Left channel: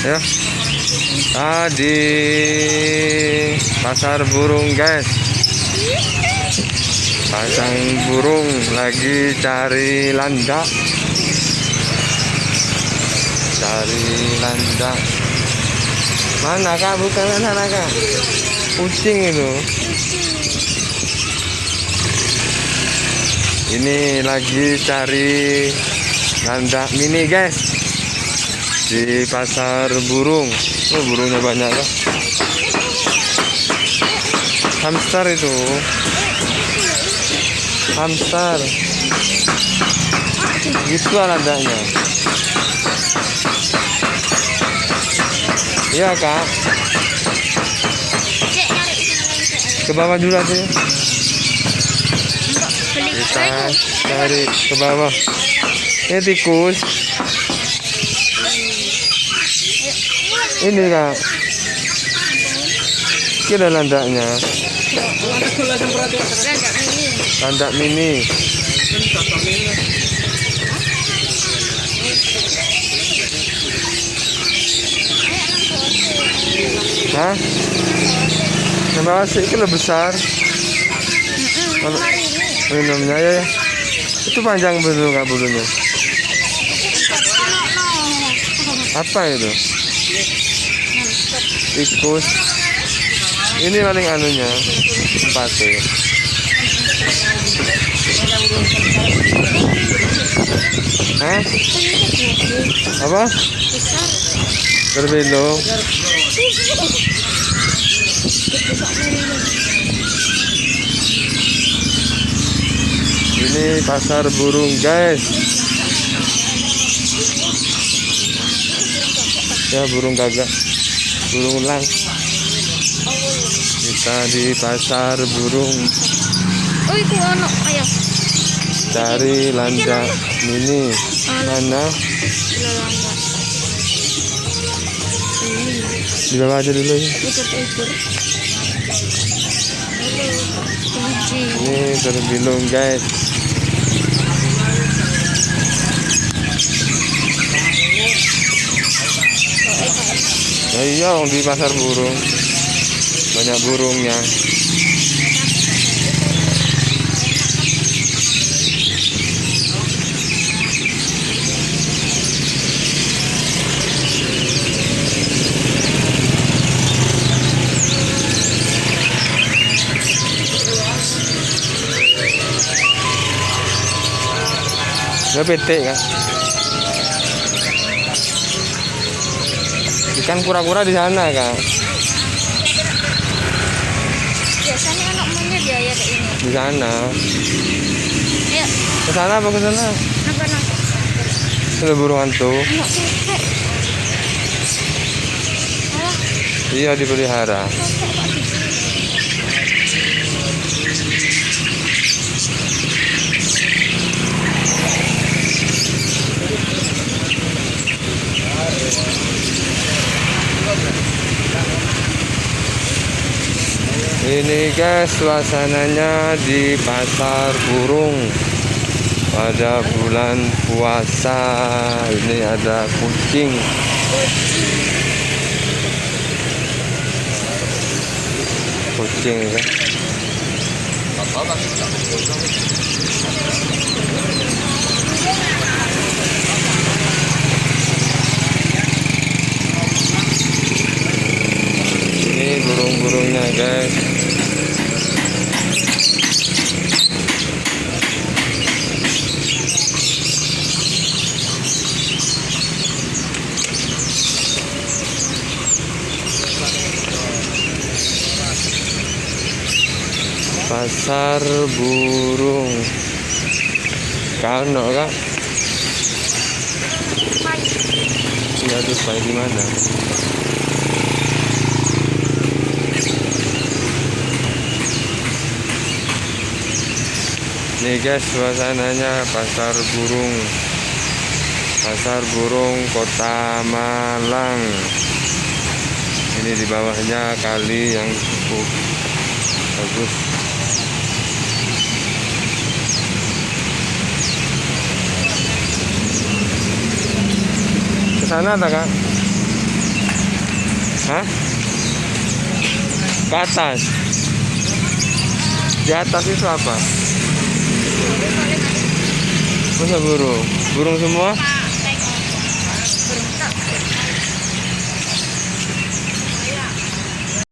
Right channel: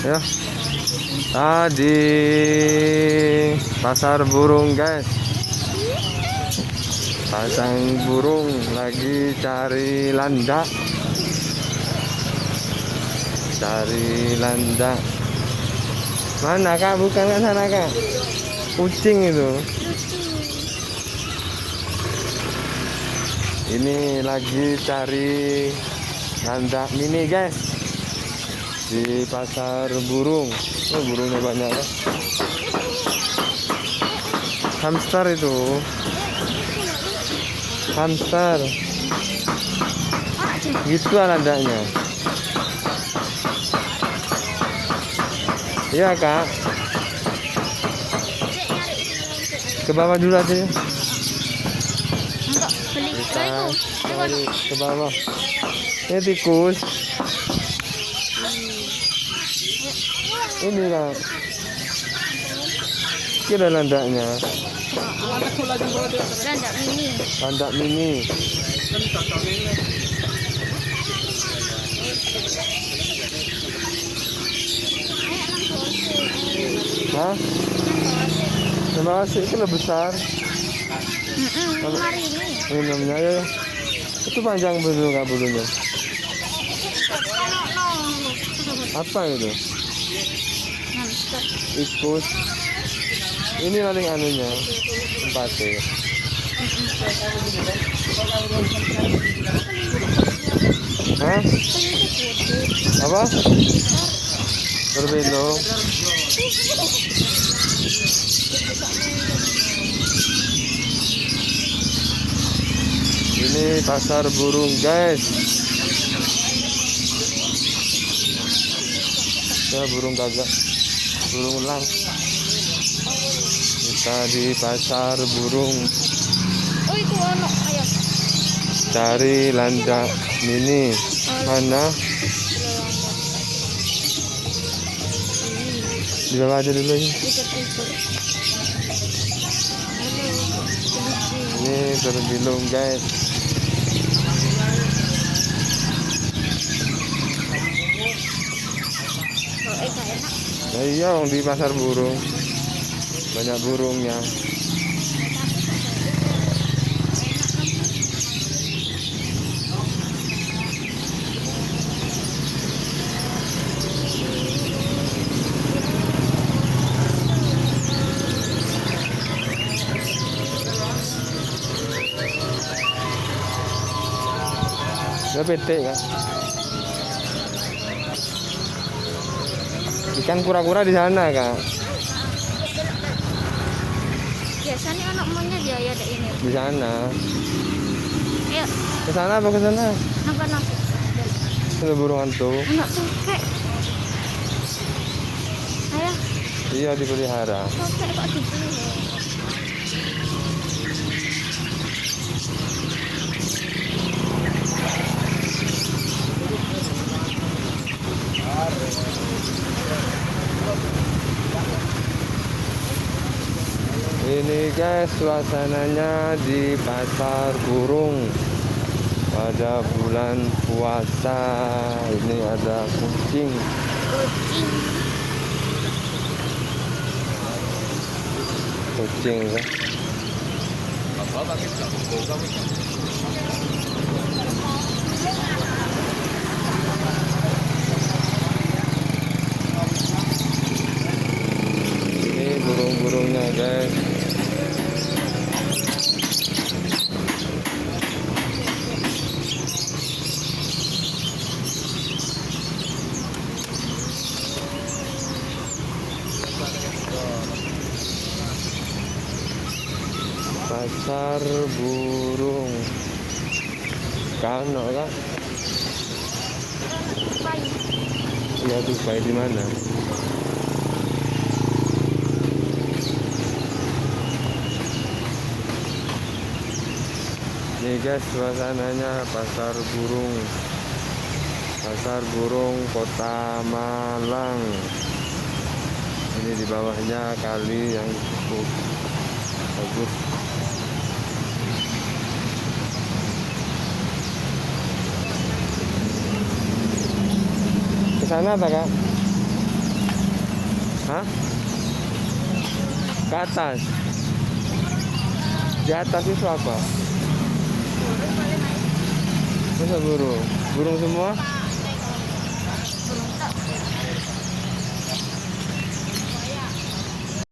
Ya, di pasar burung guys. Pasang burung lagi cari landak. Cari landak. Mana kak? Bukan sana kak. Kucing itu. Ini lagi cari landak mini guys. Di pasar burung. Oh, burungnya banyak loh. Hamster itu. Hamster. Gitu lah landaknya. Iya kak. Ke bawah dulu aja ya. Kita cari ke bawah. Ini tikus. Ini kak. Kira landaknya. Landak mini. Hah? Sama asik itu lebih besar. Minumnya ya. Itu panjang belum nggak bulunya? Apa itu? Tikus. Ini paling anunya tempatnya. Hah? Apa? Berbelok. Ini pasar burung guys. Ya burung gagak, burung elang. Kita di pasar burung. Cari landak ini. Mana? Di bawah aja dulu ya. Ini terbilung guys. Oh iya, di pasar burung banyak burungnya. Ya petik kan. Ikan kura-kura di sana kak. Biasanya kan punya biaya kayak ini. Di sana. Ayo. Ke sana apa ke sana? Nampak. Ada burung hantu. Enggak sih. Iya dipelihara. Ini guys suasananya di pasar burung pada bulan puasa. Ini ada kucing. Kucing kan. Ini burung-burungnya guys. Pasar burung. Kano kak? Ada pai di mana? Nih guys suasananya pasar burung. Pasar burung Kota Malang. Ini di bawahnya kali yang cukup bagus. Sana tak kak? Hah? Ke atas. Di atas itu apa? Masa burung? Burung semua?